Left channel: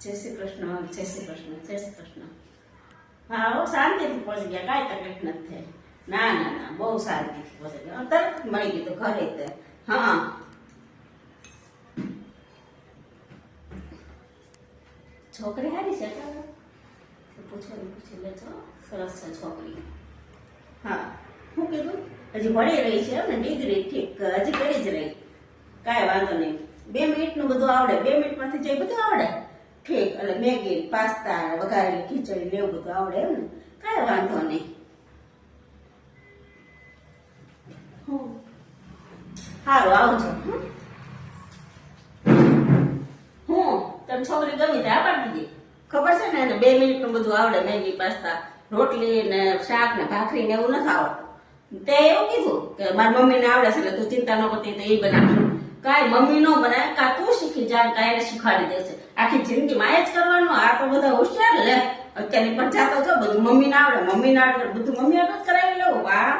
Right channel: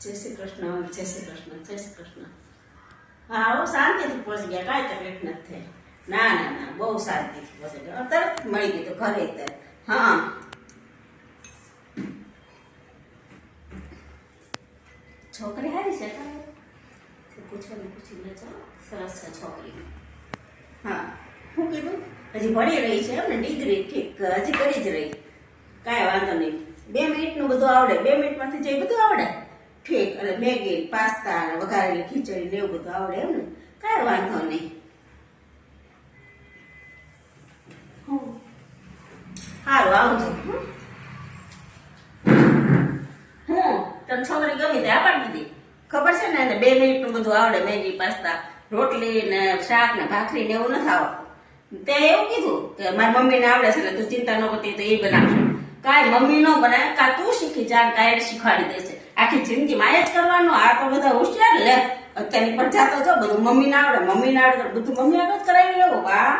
જય શ્રી કૃષ્ણ, જય શ્રી કૃષ્ણ, જય શ્રી કૃષ્ણ. હા હો, શાંતિથી પહોંચી ગયા, કાંઈ તકલીફ નથી થઈ. ના ના ના, બહુ શાંતિથી પહોંચી ગયા, તરત મળી ગયું તો ઘરે તે. હા છોકરી હારી છે, પૂછી લેજો. સરસ છે છોકરી. હા શું કીધું? હજી ભણી રહી છે એમ ને? ડિગ્રી ઠીક, હજી કરી જ રહી. કાંઈ વાંધો નહીં. 2 મિનિટનું બધું આવડે. 2 મિનિટમાંથી જે બધું આવડે ઠીક. એટલે મેગી, પાસ્તા, વઘારેલી ખીચડી ને એવું બધું આવડે એમ ને? કાંઈ વાંધો નહીં. સારું, આવજો. તમે છોકરી ગમી તે આ પાડી દીધી. ખબર છે ને એને 2 મિનિટનું બધું આવડે. મેગી, પાસ્તા, રોટલી ને શાક ને ભાખરી ને એવું નથી આવડતું. તે એવું કીધું કે મારી મમ્મીને આવડે છે એટલે તું ચિંતા ન કરતી, તો એ બનાવશું. કાંઈ મમ્મી નો બનાવે, કાં તું શીખી જા, કાંઈ એને શીખવાડી દેશે. આખી જિંદગીમાં એ જ કરવાનું. આ તો બધા હોશિયાર લે. અત્યારની પણ જાતો જો બધું મમ્મીને આવડે, મમ્મીને આવડે બધું મમ્મી આગળ જ કરાવી લેવું. વાહ.